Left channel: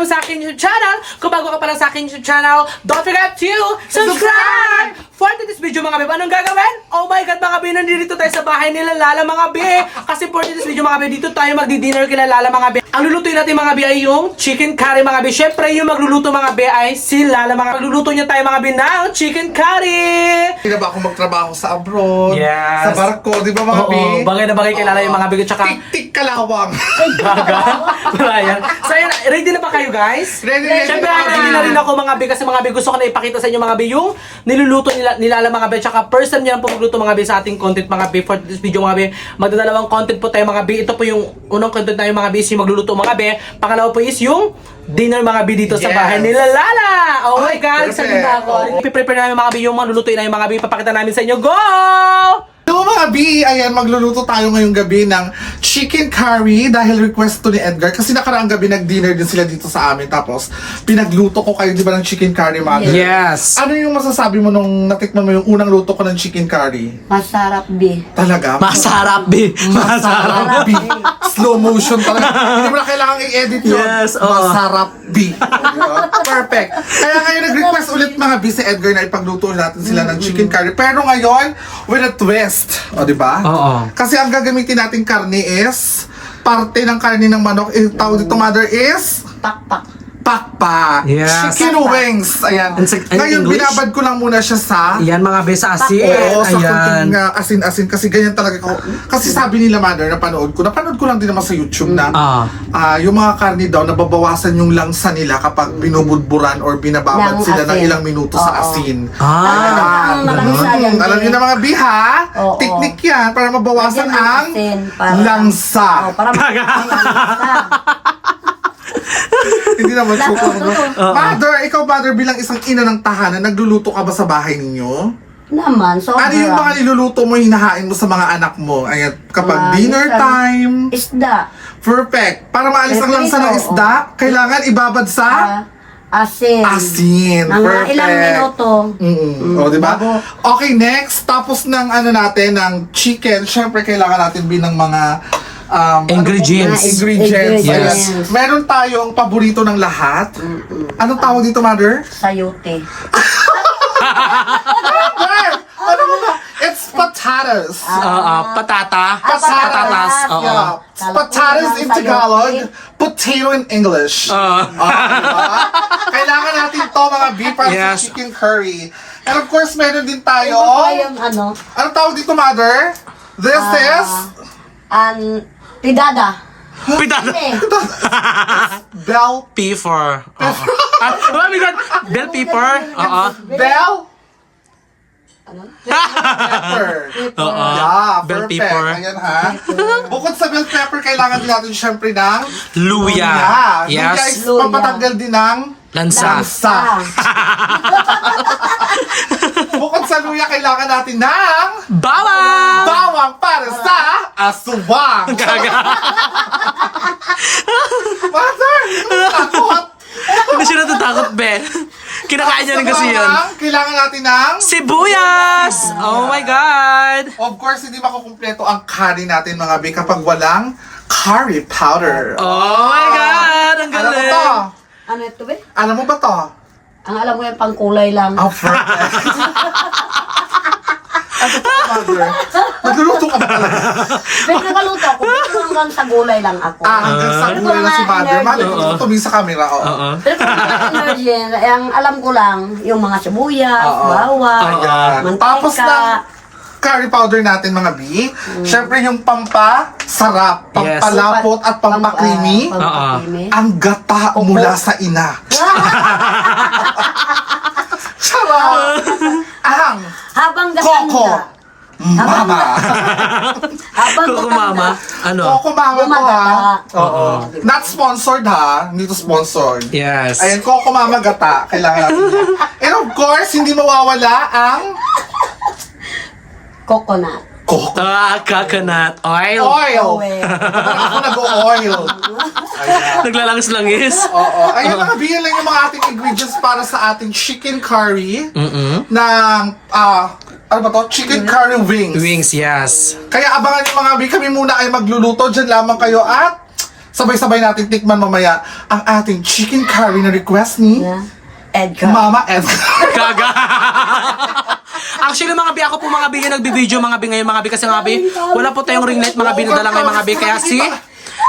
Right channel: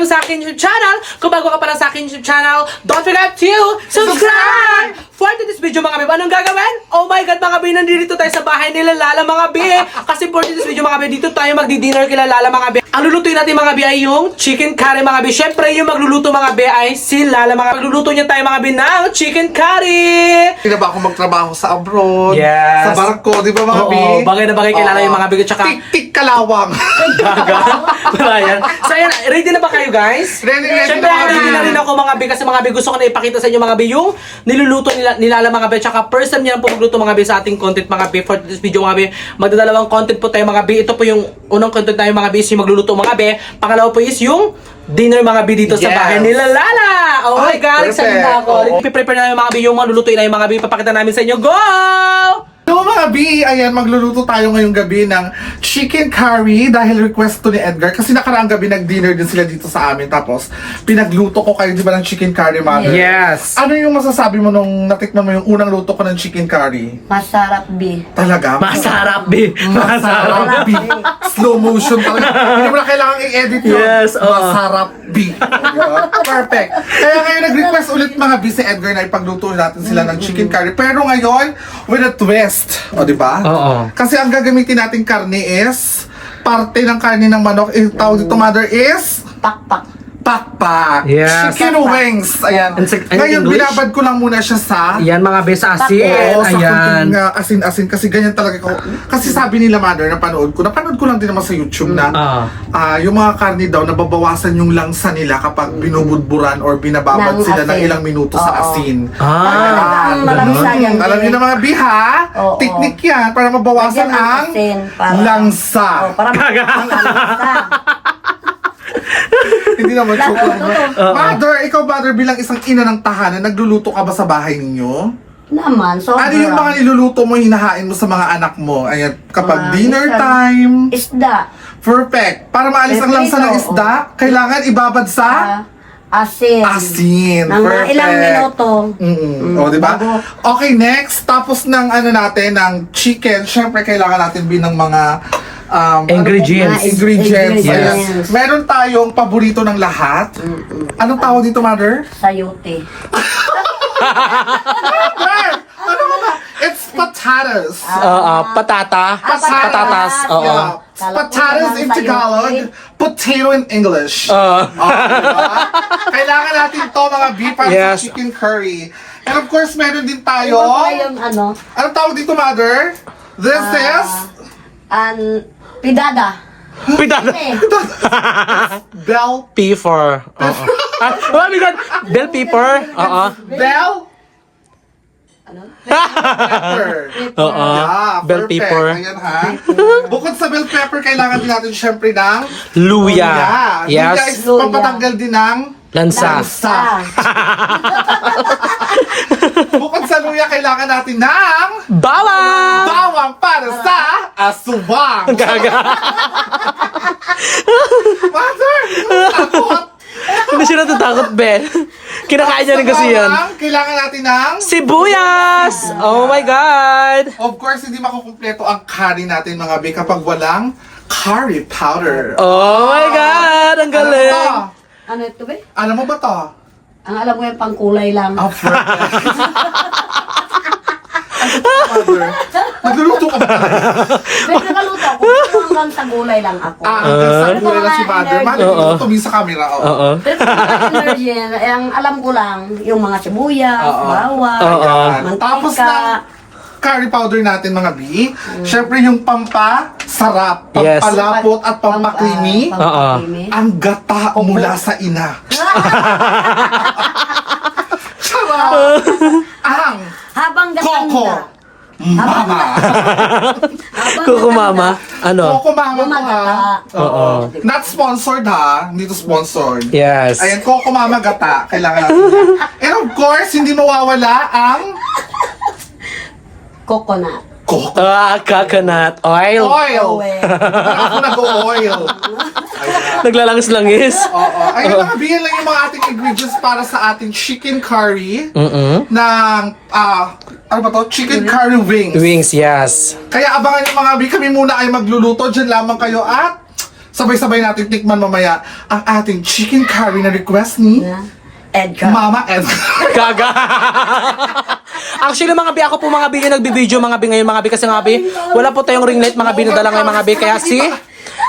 welcome sa akin YouTube channel. Kung bago ka pa lang sa akin YouTube channel, don't forget to subscribe! For today's video mga babe, anong gagawin? Oh my god mga babe, nandito tayo sa bahay nila Lala mga babe. Kasi for today's video mga babe, dito tayo magdi-dinner kila Lala mga babe. Ang lulutuin natin mga babe ay yung chicken curry mga babe. Syempre yung magluluto mga babe ay si Lala mga babe. Magluluto niya tayo mga babe ng chicken curry. Hindi na ba ako magtrabaho sa abroad? Yes. Sa barko, di ba mga Oo, bi? bagay na bagay kay Lala yung mga babe. Tsaka Tik-tik kalawang. gaga. Wala yan. So ayan, ready na ba kayo guys? Ready Siyempre, ready na rin ako mga be kasi mga be gusto ko na ipakita sa inyo mga be yung niluluto nila mga be tsaka first time niya lang po magluto mga be sa ating content mga be for this video mga be. Magdadalawang content po tayo mga be. Ito po yung unang content na yung mga be is yung magluluto mga be. Pangalawa po is yung dinner mga be dito sa Yes. bahay nila Lala. Oh my Ay, god, perfect. excited na ako. Oo. Ipiprepare namin mga be yung malulutuin na yung mga be. Papakita namin sa inyo. Go! So mga bi, ayan, magluluto tayo ngayong gabi ng chicken curry dahil request to ni Edgar. Kasi nakaraang gabi nag-dinner din sila dito sa amin. Tapos pinagluto ko kayo, di ba, ng chicken curry, mother? Yes. Ano yung masasabi mo nung natikman mo yung unang luto ko ng chicken curry? Masarap, B. Talaga? Masarap be. Masarap bi. Slow motion talaga. Hindi mo na kailangan i-edit yun. Yes, oo. Masarap bi. Perfect. Kaya ngayon nag-request ulit mga bi si Edgar na ipagluto natin sila ng chicken curry. Pero ngayon, with a twist. O, di ba? Oo. Kasi ang gagamitin nating karne is, parte ng karne ng manok, tawag dito mother is, Pakpak. pakpak. Yes. Chicken wings. Ayan. In Ngayon, English? binabad ko lang muna siya sa Yan mga be sa asin. oo, sa Ayan. kunting asin-asin kasi ganyan talaga ko. Kasi sabi nila mother, napanood ko lang din naman sa YouTube na yung mga karne daw nababawasan yung langsa nila kapag binubudburan or binababad Ng sila ng asin. ilang minuto sa Oo. asin. Ang malangsa yan, Alam eh. niyo na mga biha, Oo. teknik yan para mabawasan Lagyan ng ang asin para- langsa. Oh, para makakalamansa. Hindi naman Lahat, suko. totoo. Mother, ikaw mother bilang isang ina ng tahanan, nagluluto ka ba sa bahay ninyo? Naman, sobra. Ano yung mga niluluto mo, hinahain mo sa mga anak mo? Ayan, kapag Mga dinner minsan, time. Isda. Perfect. Para maalis ang langsa ng isda, kailangan ibabad sa Asin. asin. Mga Perfect. ilang minuto. O, di ba? bago- Okay, next. Tapos ng natin, ng chicken, syempre kailangan natin ng mga Ingredients. Ingredients. Yes. Ayan. Meron tayong paborito ng lahat. Anong tawag dito, mother? Sayote. Mother! Ano ba? It's potatoes. Patatas. Oo. Yeah. Potatoes in Tagalog, potato in English. Diba? Kailangan natin to mga beef para Yes. sa chicken curry. And of course, meron din tayo. Ito pa yung ano, Anong tawag dito, mother? This is pidada. Pidada. Eh, bell Pepper. Oo. Oh my god. Bell pepper. Oo. bell pepper. Oo. Yeah, Bell perfect. pepper. Ayan ha. Bukod sa bell pepper, kailangan din natin syempre ng Luya. luya. Luya Yes. is Luya. pampatanggal din ng Lansa. lansa. Bukod sa luya, kailangan natin ng Bawang. bawang para sa aswang. Gaga. Mother, takot. Hindi siya natatakot, Ben. Kinakain niya rin kasi yan. Kailangan natin ng Sibuyas! Oh my God! of course, hindi makukumpleto ang curry natin mga be kapag walang curry powder. Oh my God! Ang Alam mo galing! to? ano ito ba? Alam mo ba to? Ang alam ko yung pangkulay lang. Oh, perfect. Mother, nagluluto ka ba talaga? Pero nakaluto ako. Hanggang sa gulay lang ako. Sabi ko lang si Mother. Mother, tumingin sa camera. Oo. Pero kung energy, ang alam ko lang, yung mga sibuyas, bawang, mantika. Tapos na curry powder natin mga bi. Syempre yung pampasarap, Yes. pampalapot at pampakrimi. pampakrimi. Ang gata mula sa ina. Sarap! Ang Habang Coco gaganda. Mama. Habang Kuko mama. gaganda. Ano? Coco Mama to ha. Gumagata. Oo. Not sponsored ha. Hindi to sponsored. Yes. Ayan, Coco Mama gata. Kailangan natin. And of course, hindi mawawala ang Coconut. Coco Coconut oil. oil. Oil. Ako nag-oil. Naglalangis-langis. Oo. Ayun, mga bihin lang yung mga ating ingredients para sa ating chicken curry ng, ano ba to? Chicken curry wings. Wings, yes. Kaya abangan yung mga bi, kami muna ay magluluto. Diyan lamang kayo at sabay-sabay natin tikman mamaya ang ating chicken curry na request ni Yeah. Edgar. Mama Edgar. Gaga! Actually mga bi, ako po mga bi yung nagbibideo mga bi ngayon mga bi kasi mga bi, wala po tayong ring light mga bi, nadala ngayon mga bi, kaya si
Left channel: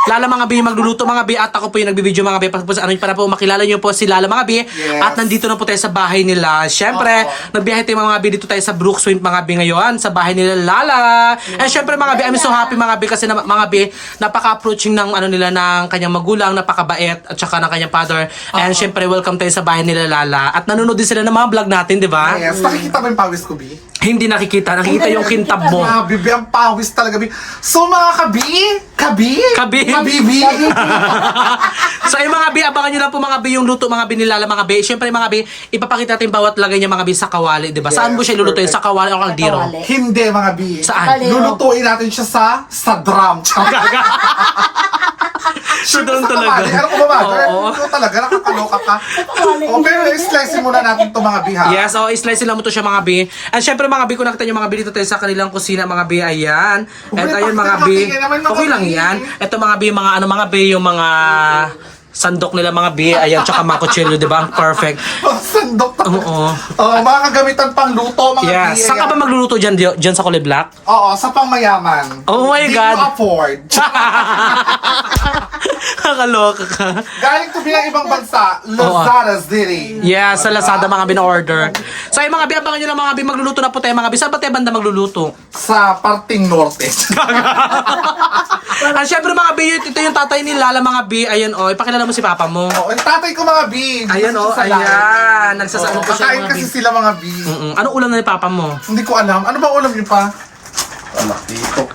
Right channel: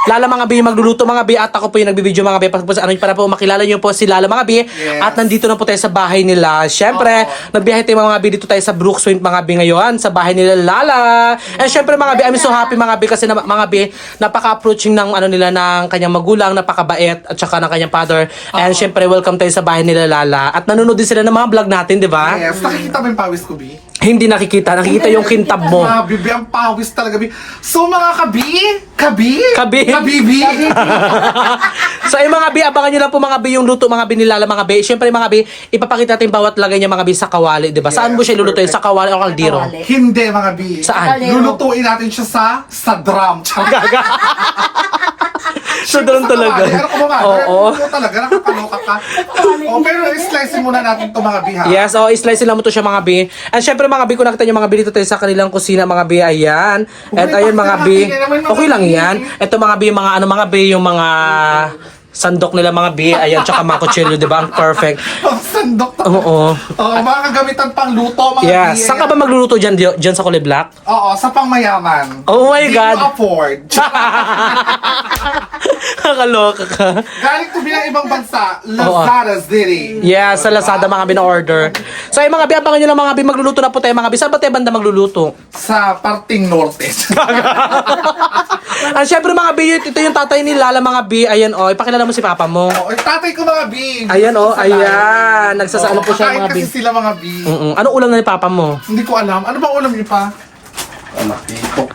Lala mga bi yung magluluto mga bi at ako po yung nagbibideo mga bi para po makilala nyo po si Lala mga bi at nandito na po tayo sa bahay nila. Syempre, nagbiyahe tayo mga bi dito tayo sa Brookswind mga bi ngayon sa bahay nila Lala. And syempre mga bi, I'm so happy mga bi kasi mga bi, napaka-approaching ng ano nila ng kanyang magulang, napakabait at saka ng kanyang father. And syempre, welcome tayo sa bahay nila Lala. At nanonood din sila ng mga vlog natin, di ba? Yes, nakikita mo yung pawis ko, Bi? Hindi nakikita yung kintab mo. Bibi, ang pawis talaga, Bi. So mga kabi? Kabibi. So ay mga bi, abangan nyo lang po mga bi yung luto mga bi ni Lala mga bi. Siyempre mga bi, ipapakita natin bawat lagay niya mga bi sa kawali, di ba? Saan mo siya ilulutuin? Sa kawali o kaldero? Kawali. Hindi, mga Bi. Saan? Lulutuin natin siya sa drum. Gaga. So doon talaga. Ano ko ba, Oo. Ito talaga, nakakaloka ka. Pero i-slice muna natin ito mga Bi, ha? Yes, slice lang mo to siya mga bi. And syempre mga bi, kung nakita nyo mga bi dito tayo sa kanilang kusina mga bi, ayan. At ayun mga bi, okay lang yan. Ito mga bi, mga ano mga bi, yung mga sandok nila mga bi, ayan, tsaka mga kutsilyo, di ba? Ang perfect. Sandok. Oo. Mga kagamitan pang luto, mga Bi. Yes. Saan ka ba magluluto dyan sa Kulay Black? Oo, sa pangmayaman. Oh my Di God. mo afford. Nakaloka ka. Galing to bilang ibang bansa, Lazada City. Yeah, sa Lazada mga bin-order. So ay mga bi, abangan nyo lang mga bi, magluluto na po tayo mga bi. Saan ba tayo banda magluluto? Sa parting norte. At syempre mga bi, ito yung tatay ni Lala mga bi. Ayan ipakilala mo si papa mo. Oh, tatay ko mga Bi. Ayan Sa live. ayan. Nagsasano po siya Kakain mga bi. kasi sila mga Bi. Anong ulam na ni papa mo? Hindi ko alam. Ano ba ulam niyo pa?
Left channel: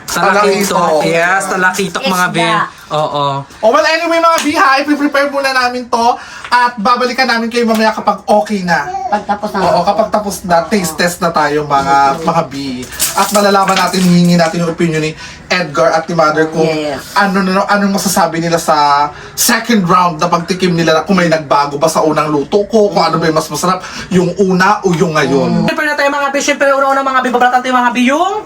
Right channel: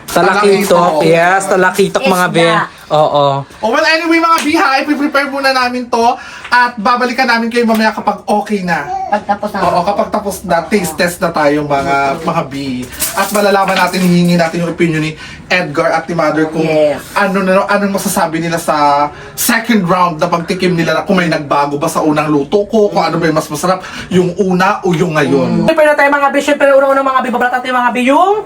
Talakitok. Yes, talakitok mga bi. Isda. Oo. Oh, well, anyway mga Bi, ha, i-prepare muna namin to at babalikan namin kayo mamaya kapag okay na. Pagtapos ng Oo, kapag tapos na, taste test na tayo mga B. At malalaman natin, hihingi natin yung opinion ni Edgar at ni Mother kung Yes. anong masasabi nila sa second round na pagtikim nila, kung may nagbago ba sa unang luto ko, kung ano ba yung mas masarap, yung una o yung ngayon. Siyempre na tayo mga bi. Siyempre una-una mga bi, babalatan tayo mga bi yung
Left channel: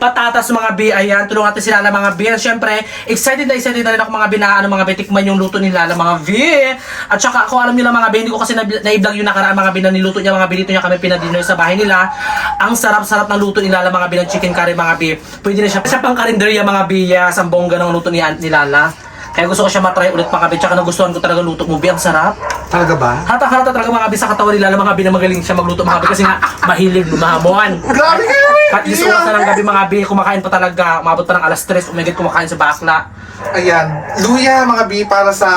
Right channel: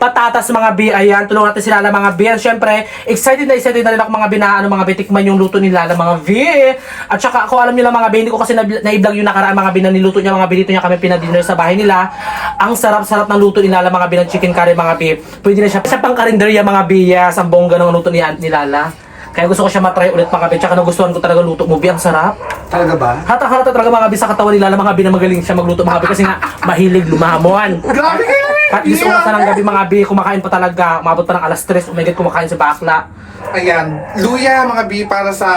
patatas mga bi. Ayan, tulungan natin sila mga bi. And syempre, excited na rin ako mga bi na mga bi, tikman yung luto nila mga bi. At saka ako alam nila mga bi, hindi ko kasi na-vlog yung nakaraan mga bi na niluto niya mga bi, dito niya kami pinadino sa bahay nila. Ang sarap-sarap ng luto nila mga bi ng chicken curry mga bi. Pwede na siya sa pang karinderya mga bi, sa bongga ng luto ni Aunt ni Lala. Kaya gusto ko siya matry ulit mga bi. Tsaka nagustuhan ko talaga luto mo bi, ang sarap. Talaga ba? Hata-hata talaga mga bi sa katawan nila mga bi na magaling siya magluto mga bi kasi nga mahilig lumahamon. Grabe kayo! At least oras na ng gabi mga bi, kumakain pa talaga. Umabot pa ng alas 3, umigit kumakain sa bakla. Ayan, luya mga B para sa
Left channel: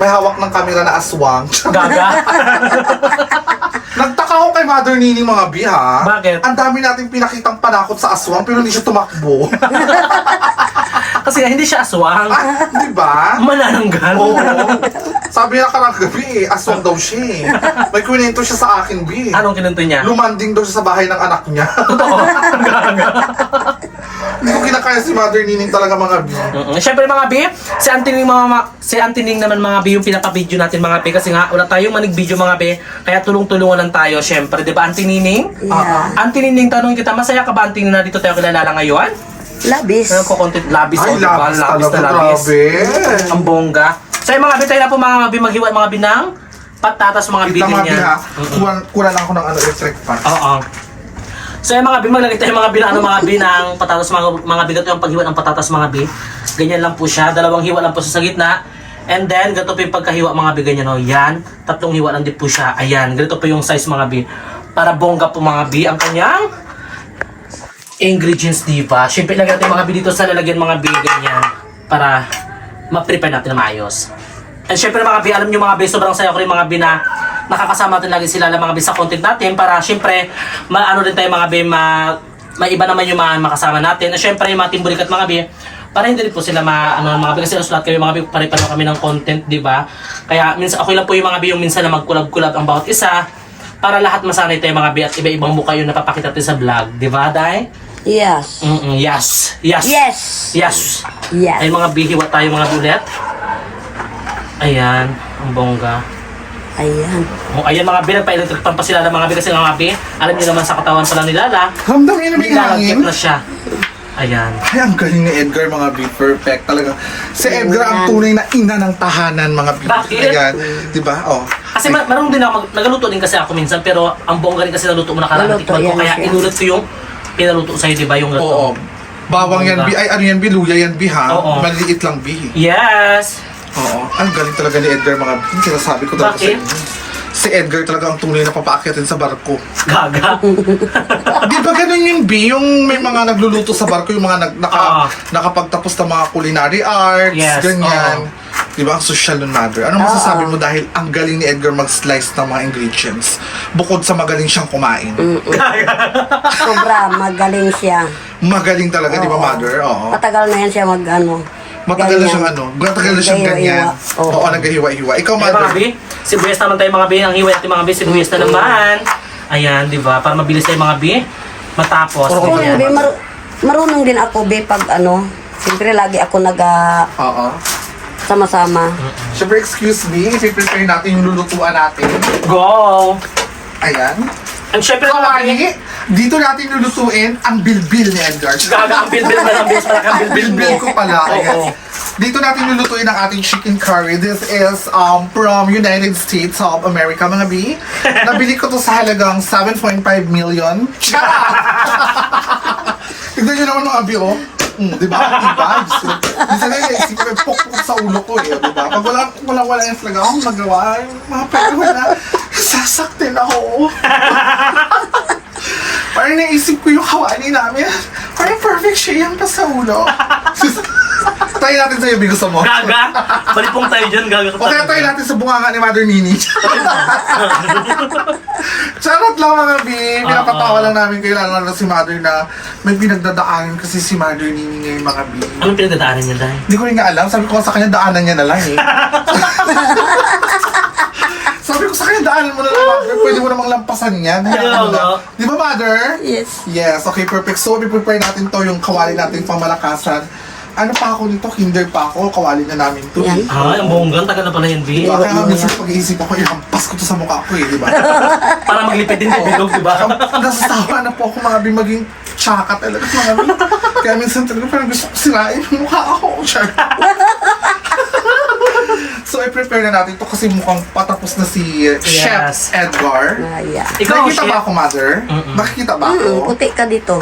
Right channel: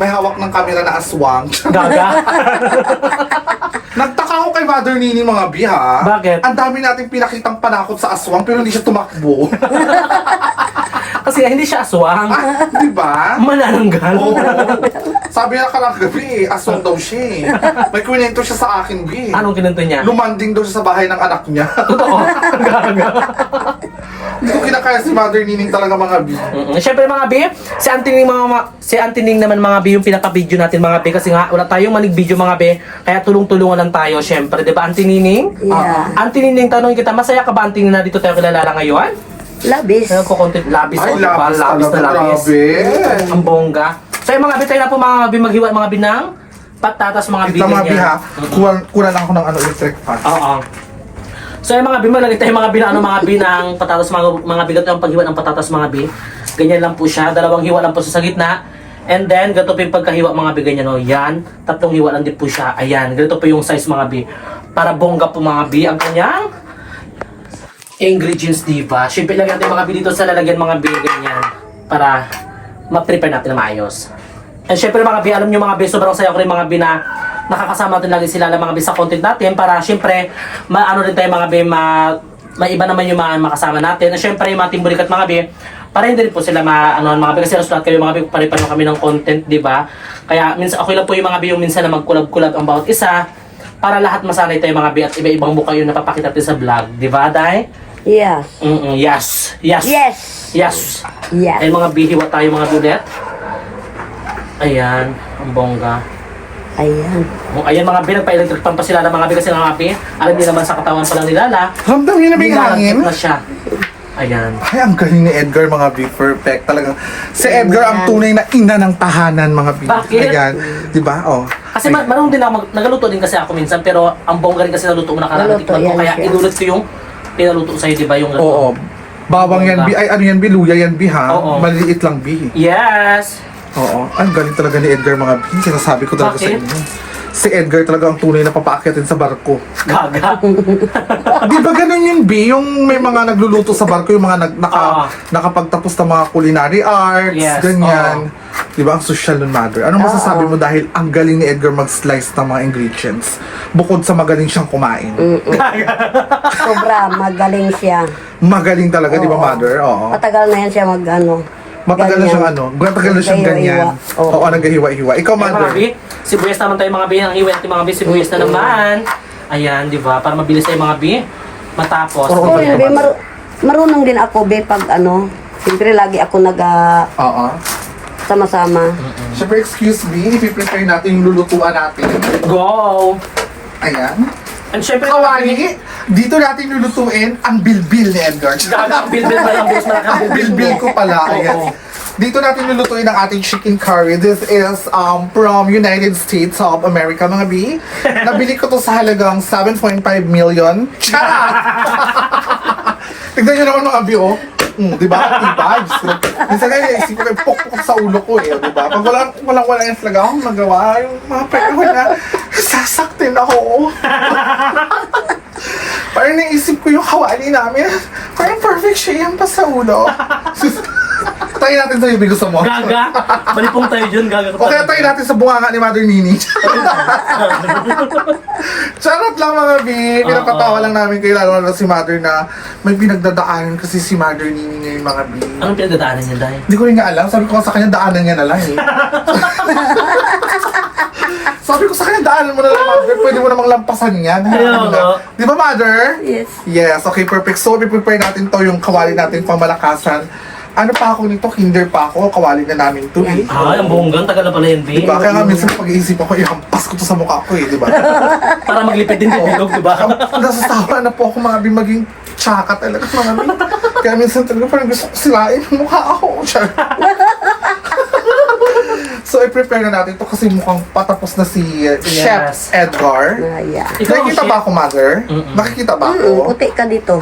may hawak ng kamera na aswang. Gaga. Nagtaka ko kay Mother Nini mga B, ha? Bakit? Ang dami nating pinakitang panakot sa aswang pero hindi siya tumakbo. Kasi hindi siya aswang. Di ba? Manananggal. Oo. Sabi niya karang gabi, aswang daw siya eh. May kwento siya sa akin, B. Anong kinunto niya? Lumanding daw siya sa bahay ng anak niya. Totoo. Gaga. Hindi ko kinakaya si Mother Nining talaga mga B. Siyempre mga bi, si Auntie Ning naman mga bi yung pinapabideo natin mga bi kasi nga wala tayong manig-video mga bi, kaya tulong-tulungan lang tayo siyempre, 'di ba Auntie Nining? Yeah. Auntie Nining, tanong kita, masaya ka ba Auntie Nining na dito tayo kilala ngayon? labis. Nagko-content labis Ay, o diba? labis Labis na talaga, labis. grabe. Ang bongga. So yung mga bi, tayo na po mga bi maghiwa mga bi ng patatas mga bi Ito mga B, ganyan. ha? Kulang ako ng electric fan. Oo. So yung mga bi, maglagay tayo mga bi ng mga bi ng patatas mga bi, ganito yung paghiwa ng patatas mga bi. Ganyan lang po siya, dalawang hiwa lang po sa gitna. And then, ganito po yung pagkahiwa mga bi, ganyan o. Yan, tatlong hiwa lang din po siya. Ayan, ganito po yung size mga bi. Para bongga po mga bi ang kanyang ingredients, diba? Siyempre lagyan natin mga bi dito sa lalagyan mga bi, ganyan. Para ma-prepare natin na maayos. And syempre mga bi, alam nyo mga bi, sobrang saya ko rin mga bi na nakakasama natin lagi sila ng mga bi sa content natin para syempre, maano rin tayo mga bi, may iba naman yung mga makasama natin. And syempre, yung mga Team Bulikat mga bi, para hindi rin po sila mga bi, kasi nasulat kayo mga bi, pare-pareho kami ng content, di ba? Kaya minsan, okay lang po yung mga bi, yung minsan na mag-collab-collab ang bawat isa, para lahat masanay tayo mga bi at iba-ibang mukha yung napapakita natin sa vlog, di ba, Day? Yes. Yes. Yes. Yes. Yes. Yes. Ay mga bihiwa tayo mga bulet. Ayan, ang bongga. Ayan. Ayan mga bi, nagpa-electric fan pa sila ng mga bi kasi mga bi. Alam niyo naman sa katawan pa lang ni Lala, Ramdam niyo na ba yung hangin? nilalagkit na siya. Ayan. Ay, ang galing ni Edgar, mga B. Perfect. Talaga. Si Edgar ang tunay na ina ng tahanan, mga B. Bakit? Ayan. Diba? Oh. Kasi marunong din ako, nagaluto din kasi ako minsan, pero ang bongga rin kasi naluto mo nakaraan. Naluto, Tikman ko, yan kaya siya. inulot ko yung pinaluto ko sa'yo, di ba? Yung Oo. Bawang yan, B. Ay, ano yan, B? Luya yan, B, ha? Oo. Maliliit lang, B. Yes! Oo. Ang galing talaga ni Edgar, mga B. Sinasabi ko talaga sa Bakit? inyo. Si Edgar talaga ang tunay na papaakyatin sa barko. Gaga. Di ba ganun yung B? Yung may mga nagluluto sa barko, yung mga Ah. nakapagtapos ng mga culinary arts, Yes, ganyan. Di ba? Ang social nun, mother. Ano masasabi mo dahil ang galing ni Edgar mag-slice ng mga ingredients bukod sa magaling siyang kumain? Sobra, magaling siya. Magaling talaga, di ba, Oo. mother? Oo. Matagal na yan siya mag-ano. Matagal na ganyan. siyang ano, matagal na siyang ganyan. Nagkahiwa-hiwa. Oo. Oo, nagkahiwa-hiwa. Ikaw, Ay, mga mother. B, sibuyas naman tayo mga B. Ang hiwet yung mga B, sibuyas na naman. Ayan, di ba? Para mabilis tayo mga B. Matapos. Ako rin, be, marunong din ako, be, pag ano, siyempre lagi ako Oo. sama-sama. Siyempre, excuse me, i-prepare natin yung lulutuan natin. Go! Ayan. And syempre, mga B, Kawali, dito natin lulutuin ang bilbil ni Edgar. gaga ang bilbil pa lang, bilis malakang Bilbil ko pala. Ayan. Dito natin lulutuin ang ating chicken curry. This is from United States of America, mga B. Nabili ko to sa halagang 7.5 million. Charot! Tignan nyo naman mga B, oh. Di ba? Diba? Minsan nga yung isip ko, pok-pok sa ulo ko eh. Di ba? Pag wala yan talaga akong magawa, yung mga pera na, sasaktin ako. Parang naisip ko yung kawani namin. Parang perfect siya yan pa sa ulo. Try natin sa'yo, Bigo, sa mo. Gaga! Malipong tayo dyan, gaga ka. Okay, try natin sa bunganga ni Mother Nini. Charot lang, mga B. Pinapatawa lang namin kayo, lalo na si Mother na may pinagdadaanan kasi si Mother Nini ngayon, mga B. Anong pinagdadaanan niya dahil? Hindi ko rin nga alam. Sabi ko sa kanya, daanan niya na lang eh. Sabi ko sa kanya, daanan mo na lang, Mother. Pwede mo namang lampasan yan. Ayaw, no? Di ba, Mother? Yes. Yes, okay, perfect. So, i-prepare natin to yung kawali natin pang malakasan. Ano pa ako nito? Kinder pa ako. Kawali na namin to eh. Ah, ang bonggang, tagal na pala yan, B. Diba? Kaya nga minsan pag-iisip ako, ihampas ko to sa mukha ko eh, di ba? Para maglipid din sa bilog, di ba? Nasasawa na po ako mga bi maging tsaka talaga mga bi. Kaya minsan talaga parang gusto ko sirain yung mukha ako. Char. So, i-prepare na natin to kasi mukhang patapos na si Chef Edgar. Yeah. Ikaw, Nakikita Chef. ba ako, Mother? Nakikita ba ako? Puti ka dito.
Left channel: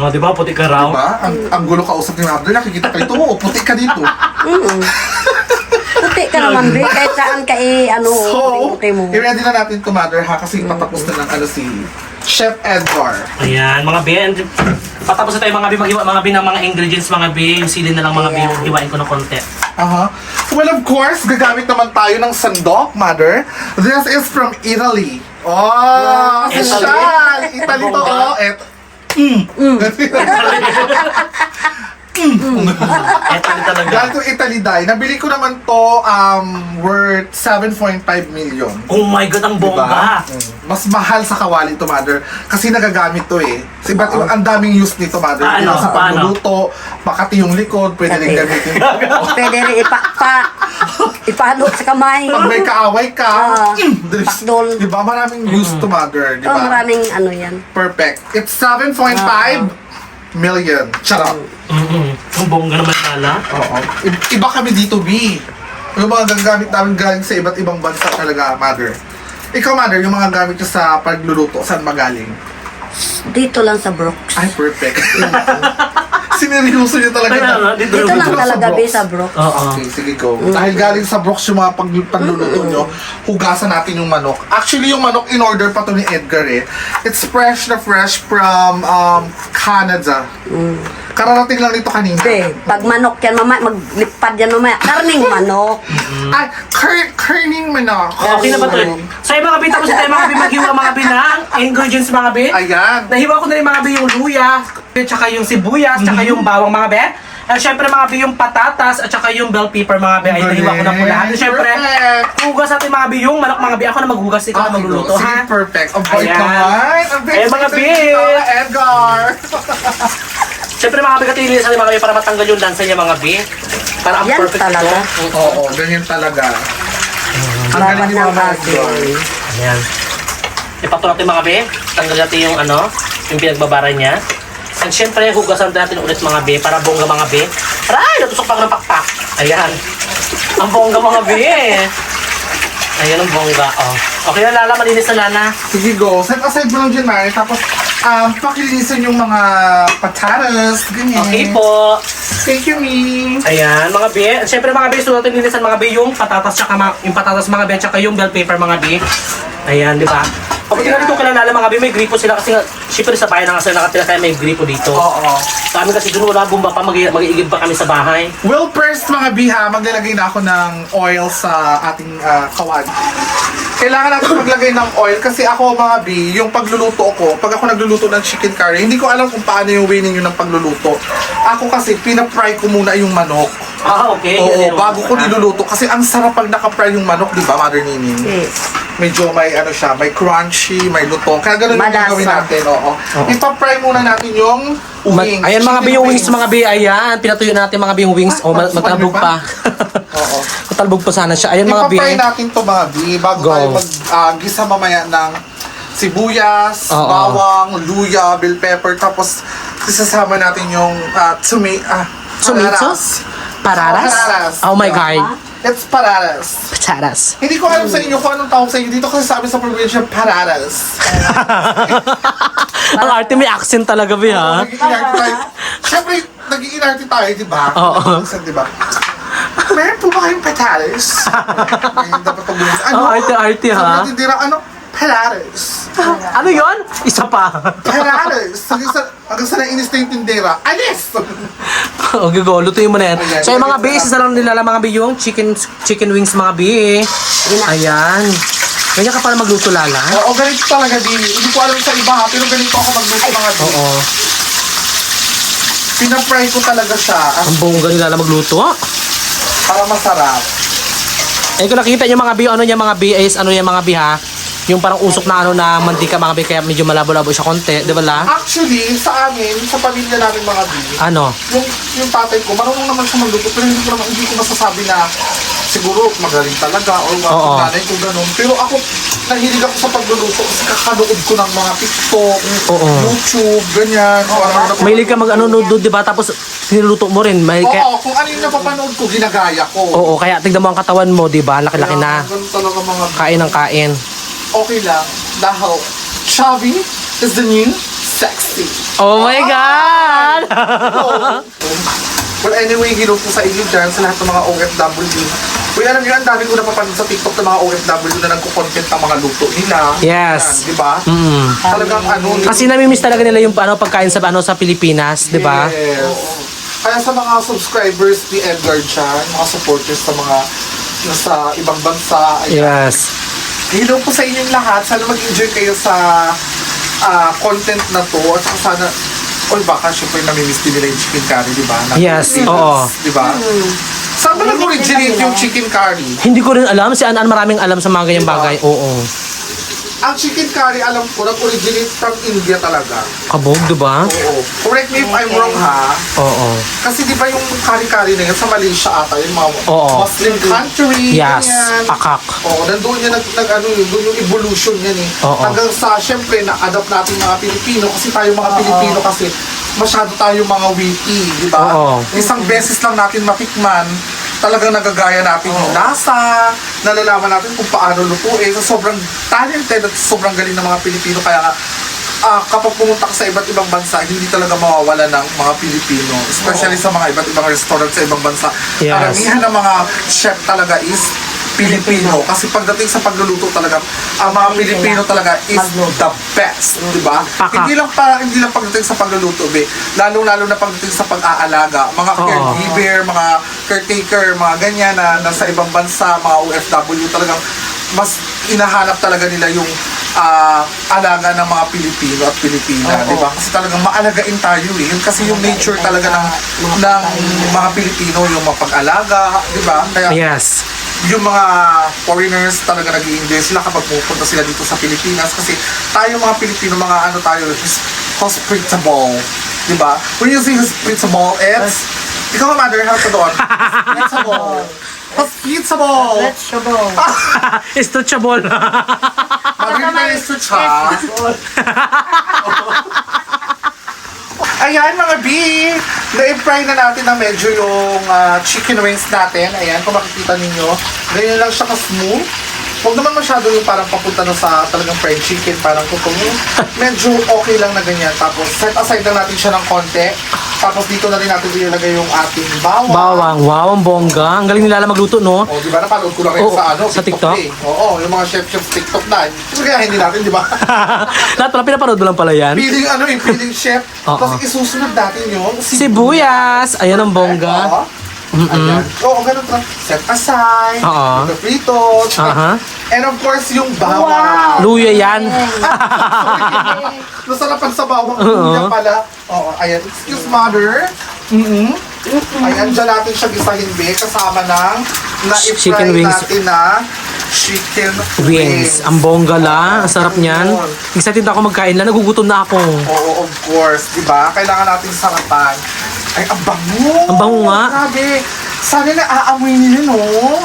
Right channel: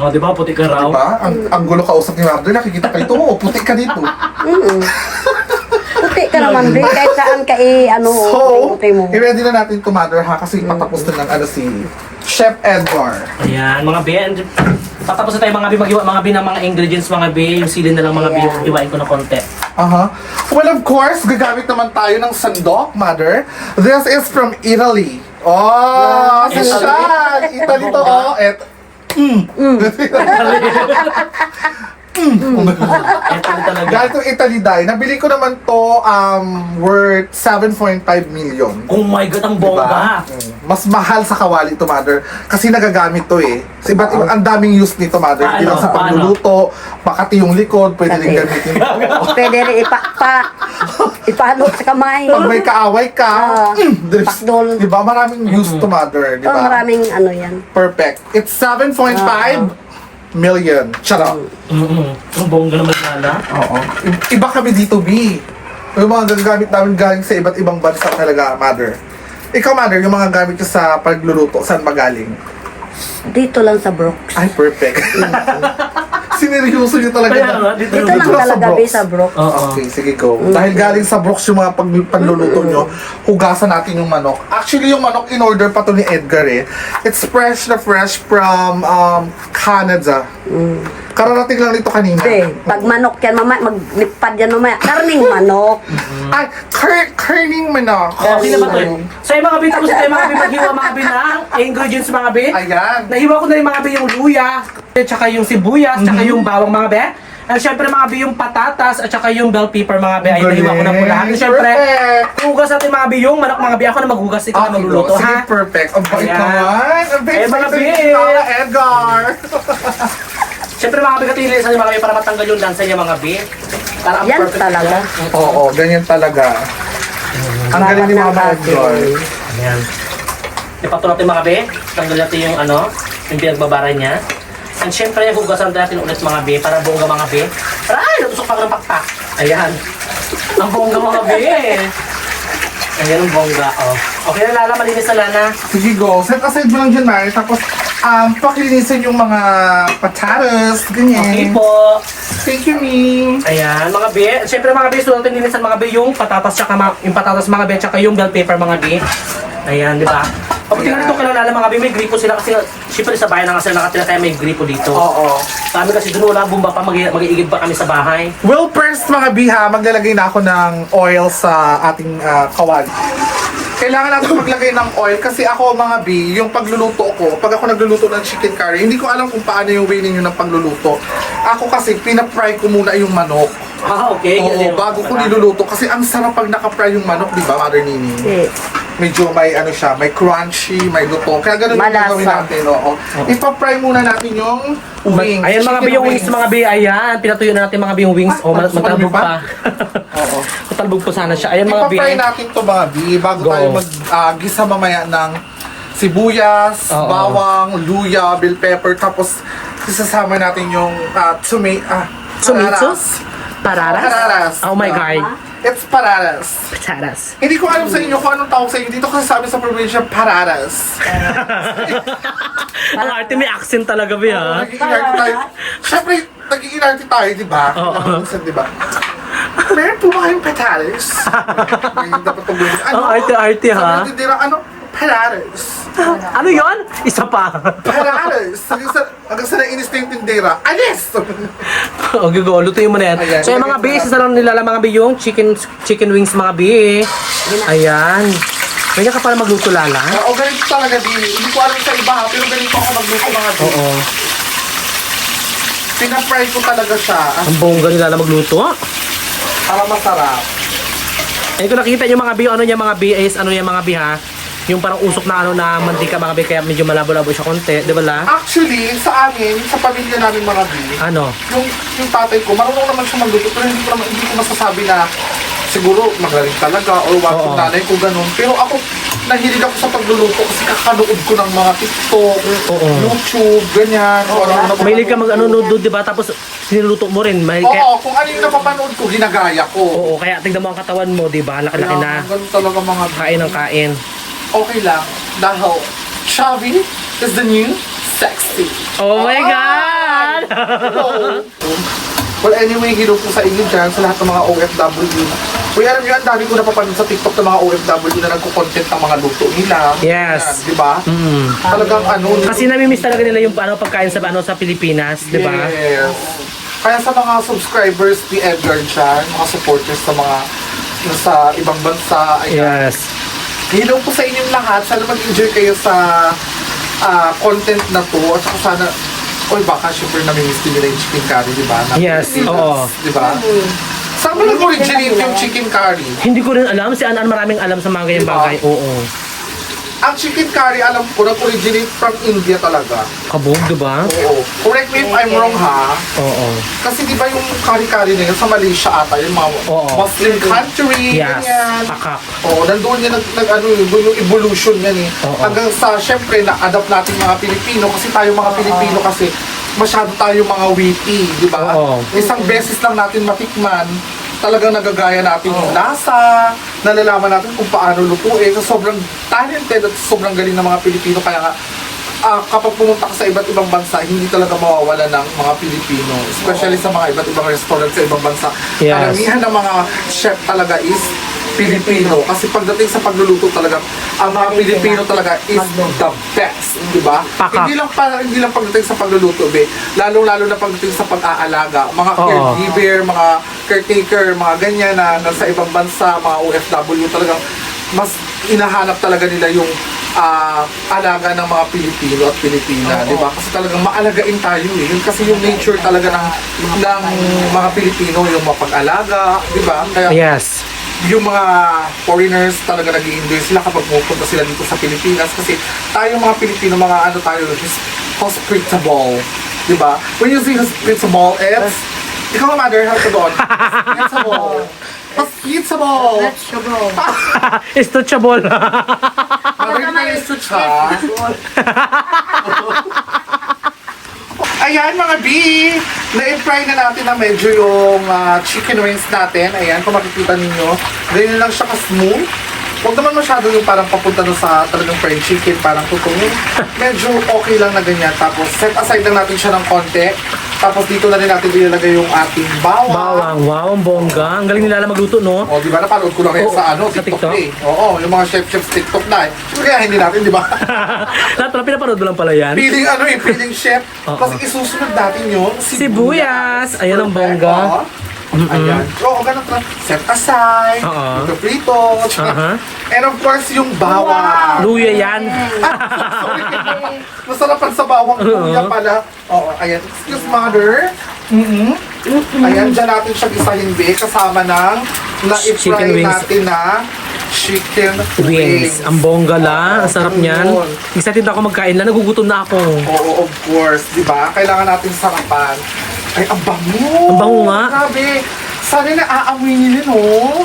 Oh, di ba? Puti ka raw. Diba? Ang gulo kausap ni Mother, nakikita ka dito. Oo, puti ka dito. Puti ka naman, be. Kahit saan ka So, puti mo. i-ready na natin to, Mother, ha? Kasi patapos na ng si Chef Edgar. Ayan, mga B. And patapos na tayo mga B, maghiwa mga B ng mga ingredients mga B. Yung sili na lang mga B, Ayan. yung hiwain ko ng konti. Well, of course, gagamit naman tayo ng sandok, Mother. This is from Italy. Oh, si Italy? Sean! Italy to, oh. Eto na talaga. Galing to Italy, Day. Nabili ko naman to worth 7.5 million. Oh my God, ang bongga. Mas mahal sa kawali to, Mother. Kasi nagagamit to eh. Kasi ba't ang daming use nito, Mother? Ah, Hindi lang ano? sa pagluluto, makati yung likod, pwede rin Kati. gamitin. Pwede rin ipalo sa kamay. Pag may kaaway ka, Pakdol. diba? Maraming use to, Mother. Diba? Oh, maraming ano yan. Perfect. It's 7.5 million. Charot. Ang bongga naman nala. Oo. Iba kami dito, B. Yung mga gagamit namin galing sa iba't ibang bansa talaga, Mother. Ikaw, Mother, yung mga gamit ko sa pagluluto, saan magaling? Dito lang sa Brooks. Ay, perfect. Sineryoso niyo talaga na. Dito lang talaga, be, sa Brooks. Oo. Okay, sige, go. Dahil galing sa Brooks yung mga pagluluto nyo, hugasan natin yung manok. Actually, yung manok in-order pa to ni Edgar eh. It's fresh na fresh from Canada. Kararating lang nito kanina. Be, pag manok yan, maglipad yan mamaya. Karning manok. Ay, kerning manok. Okay na ba to? So yung mga B, tapos tayo mga B, maghiwa mga B ng ingredients mga B. Ayan. Nahiwa ko na yung mga B, yung luya, tsaka yung sibuyas, tsaka yung bawang mga B. At syempre mga B, yung patatas, at tsaka yung bell pepper mga B. Ayun, nahiwa ko na po lahat. At syempre, Perfect. hugas natin mga B, yung manok mga B. Ako na maghugas, ikaw na magluluto, sige, ha? perfect. Ang bait Ayan. naman. Ang bait Eh, mga sa B. Edgar. Syempre mga B, katilisan natin mga B para matanggal yung lansa niya mga B. Para ang Yan perfect talaga. niya. Oo, ganyan talaga. Ang Bawal galing ng ni Edgar. asin. Ayan. Ipato natin mga B. Tanggal natin yung ano, yung pinagbabara niya. And syempre, hugasan natin ulit mga be, para bongga mga be. Aray, natusok pa ng pakpak. Ayan. Ang bongga mga be. Ayan ang bongga. Oh. Okay na, Lala, malinis na, Lala. Sige, go. Set aside mo lang dyan, Mari. Tapos, pakilinisan yung mga patatas. Ganyan. Okay po. Thank you, me. Ayan, mga be. Siyempre mga be, so natin linisan mga be yung patatas tsaka yung patatas mga be tsaka yung bell pepper mga be. Ayan, di ba? Kapag tingnan dito kailangan mga be, may gripo sila kasi siyempre sa bahay na kasi nakatira kaya may gripo dito. Oo. Sa amin kasi doon wala bumba pa, mag-iigib pa kami sa bahay. Well, first mga biha, maglalagay na ako ng oil sa ating kawad. Kailangan natin maglagay ng oil kasi ako mga bi, yung pagluluto ko, pag ako nagluluto ng chicken curry, hindi ko alam kung paano yung way ninyo ng pagluluto. Ako kasi, pinapry ko muna yung manok. Ah, okay. Oo, bago ko niluluto. Kasi ang sarap pag nakapry yung manok, di ba, Mother Nini? Yes. Medyo may ano siya, may crunchy, may luto. Kaya ganun yung Malasa. gagawin natin, oo. Ipapry muna natin yung wings. Ayan mga be, Chicken yung wings mga be, ayan. Pinatuyo natin mga be yung wings. Oh, matalbog pa. Oo. Matalbog pa sana siya. Ayan mga be. Ipapry natin to mga bi, bago Go. tayo mag-gisa mamaya ng sibuyas, Oo. bawang, luya, bell pepper, tapos isasama natin yung Tomatoes? Pararas? Pararas. Oh my God. It's pararas. Pataras. Hindi ko alam sa inyo kung anong tawag sa inyo dito kasi sabi sa probinsya pararas. Ang arte may accent talaga be ha. Nag-iinarte tayo. Siyempre, nag-iinarte tayo, di ba? Oo. Di ba? Meron po ba kayong pararas? Ganyan dapat pag-ulit. Ang arte-arte ha. Sa matitira, ano? Pararas. Ano yon? Isa pa. Pararas. Hanggang sa nainis na yung tindera. Alis! Okay, go. Lutuin mo na yan. Ayan. So, yung mga be, isa lang nilala mga be yung chicken wings mga be. Ayan. Ganyan ka para magluto, Lala. Oo, ganito talaga, di. Hindi ko alam sa iba ha, pero ganito ako magluto mga di. Oo. Pinapry ko talaga siya Ang bongga ni Lala magluto. para masarap. Eh, kung nakita niyo mga be, ano niya mga be, is ano niya mga be ha. Yung parang usok na ano na mantika mga be, kaya medyo malabo-labo siya konti. Di ba la? Actually, sa amin, sa pamilya namin mga di, Ano? yung tatay ko, marunong naman siya magluto, pero hindi ko masasabi na siguro magaling talaga or what, Oo. yung nanay ko ganun. Pero ako, nahilig ako sa pagluluto kasi kakanood ko ng mga TikTok, Oo. YouTube, ganyan. Kung ano Mahilig ka mag ano nudo, di ba? Tapos niluluto mo rin. May, kaya, Oo, kung ano yung napapanood ko, ginagaya ko. oo, kaya tignan mo ang katawan mo, di ba? Laki-laki na. Ganun talaga mga Kain ng kain. okay lang. Dahil, chubby is the new sexy. Oh my God! Well, anyway, hello po sa inyo dyan, sa lahat ng mga OFW. Well, alam nyo, ang dami ko napapanood sa TikTok ng mga OFW na nagko-content ng mga luto nila. Yes. Yan, di ba? Mm. Talagang ano, Kasi namimiss talaga nila yung ano, pagkain sa Pilipinas, di ba? Yes. Kaya sa mga subscribers ni Edgar siya, yung mga supporters sa mga nasa ibang bansa, ayan. Yes. Hello po sa inyong lahat. Sana mag-enjoy kayo sa content na to. At saka sana, baka syempre namimiss din nila yung chicken curry, di ba? Na Yes, Pilipinas, oo. Di ba? Saan ba nag-originate yung chicken curry? Hindi ko rin alam, si Anan maraming alam sa mga ganyang Diba? bagay. Oo. Ang chicken curry, alam ko, nag-originate from India talaga. Kabog, di ba? Oo. Correct me if I'm wrong ha. Oo. Kasi di ba yung curry-curry na yun sa Malaysia ata, yung mga Oo. Muslim country, Yes. ganyan. Akak. Oo, nandun yan, ano yun, doon yung evolution yan eh. Oo. Hanggang sa, syempre, na-adapt natin mga Pilipino kasi tayo mga Pilipino kasi masyado tayo mga witty, di ba? Oo. Isang beses lang natin matikman, talagang nagagaya natin yung lasa, nalalaman natin kung paano lutuin. So, sobrang talented at sobrang galing ng mga Pilipino. Kaya nga, kapag pumunta ka sa iba't ibang bansa, hindi talaga mawawala ng mga Pilipino. Especially sa mga iba't ibang restaurant sa ibang bansa. Yes. Karamihan ng mga chef talaga is Pilipino. Kasi pagdating sa pagluluto talaga, ang mga Pilipino talaga is the best, di ba? Pakak. Hindi lang pagdating sa pagluluto, be. Lalo na pagdating sa pag-aalaga. Mga Oo. caregiver, mga caretaker, mga ganyan na nasa ibang bansa, mga OFW talagang mas inahanap talaga nila yung alaga ng mga Pilipino at Pilipina, di ba? Kasi talagang maalagain tayo eh. Yun kasi yung nature talaga ng mga Pilipino, yung mapag-alaga, di ba? Kaya Yes. yung mga foreigners talaga nag-i-enjoy sila kapag pupunta sila dito sa Pilipinas kasi tayo mga Pilipino, mga ano tayo, hospitable, di ba? When you say hospitable, it's ikaw nga, mother, harap ka doon. Hospitable. Hospitable. Istretchable. Mother, hindi na yung switch ha. Ayan mga B, na-fry na natin na medyo yung chicken wings natin. Ayan, kung makikita ninyo, ganyan lang siya ka-smooth. Huwag naman masyado yung parang papunta na sa talagang fried chicken, parang tutungin. Medyo okay lang na ganyan. Tapos set aside lang natin siya ng konti. Tapos dito na rin natin ilalagay yung ating bawang. Bawang, wow, ang bongga. Ang galing nila magluto, no? O, di ba? Napanood ko lang rin Oo, sa TikTok? Eh. Oo, yung mga chef TikTok na eh. So, kaya hindi natin, di ba? Lahat pala, pinapanood mo lang pala yan. Feeling chef. Oo. Tapos isusunod natin yung Sibuyas. Ayan ang bongga. Ayan. Oo, ganun lang. Set aside. Oo. Ito prito. Aha. And of course, yung bawang. Luya yan. Sorry. Masarapan sa bawang luya pala. Oo, ayan. Excuse mother. Ayan, dyan natin siya gisahin, be. Kasama ng Chicken na-fry wings. natin na chicken Wings. Ang bongga la. Ang sarap niyan. Yun. Excited ako magkain lang. Nagugutom na ako. Oo, of course. Di ba? Kailangan natin sarapan. Ay, ang bango! Ang bango nga. Grabe! Sana na aamoy nila, no? Oh.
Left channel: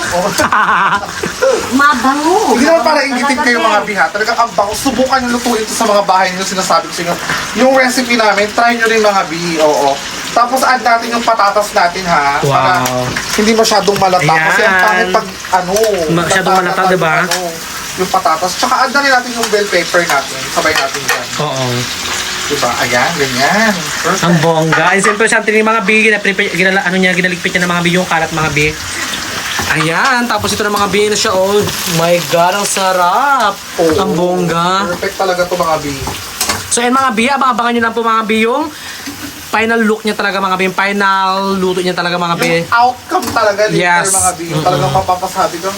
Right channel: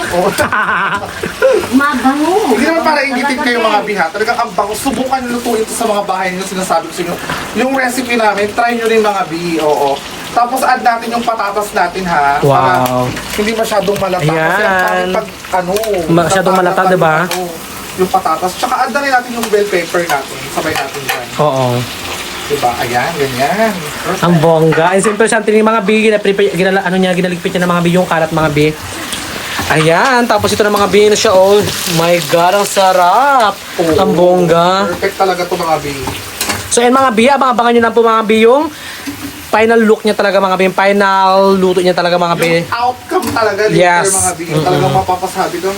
Mabango. Hindi naman para ingitin kayo mga biha. Talagang ang bango. Subukan nyo lutuin ito sa mga bahay nyo. Sinasabi ko sa inyo. Yung recipe namin, try nyo rin mga bi. Oo. Tapos add natin yung patatas natin, ha? Wow. Para hindi masyadong malata. Kasi ang Ayan. pangit pag, Masyadong malata, diba? Yung patatas. Tsaka add na rin natin yung bell pepper natin. Sabay natin dyan. Oo. Diba? Ayan, ganyan. Ang bongga. Ay, siyempre, sa atin yung mga bi, ginaligpit niya ng mga bi, yung kalat mga bi. Ayan, tapos ito ng mga bi na siya, oh my God, ang sarap. Oo. Ang bongga. Perfect talaga to mga bi. So, yan mga bi, abangan nyo lang po mga bi, yung final look niya talaga mga bi, yung final luto niya talaga mga bi. Yung outcome talaga dito Yes. mga bi. Talagang mapapasabi ko.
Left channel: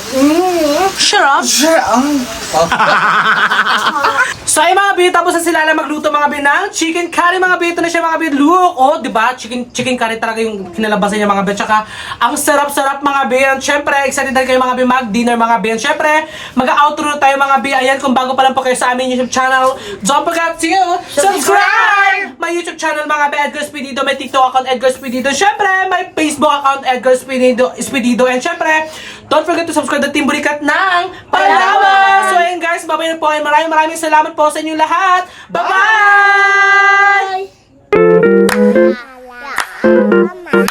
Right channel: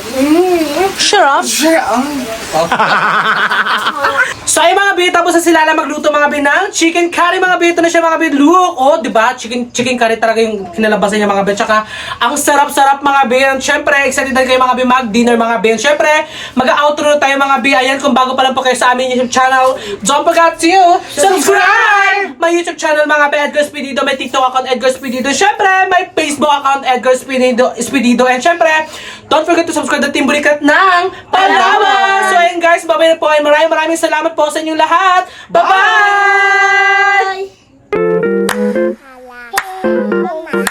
Sarap. So ay mga bi, tapos na sila lang magluto mga bi ng chicken curry mga bi. Ito na siya mga bi, look. Oh, di ba? Chicken curry talaga yung kinalabasan niya mga bi. Tsaka ang sarap-sarap mga bi. And syempre, excited na kayo mga bi mag-dinner mga bi. And syempre, mag-outro na tayo mga bi. Ayan, kung bago pa lang po kayo sa aming YouTube channel, don't forget to subscribe! My YouTube channel mga bi, Edgar Spedido. May TikTok account, Edgar Spedido. Syempre, may Facebook account, Edgar Spedido. And syempre, don't forget to subscribe to Team Burikat ng Palawan! So ayun guys, bye-bye na po kayo. Maraming salamat po sa inyong lahat. Bye-bye! Bye.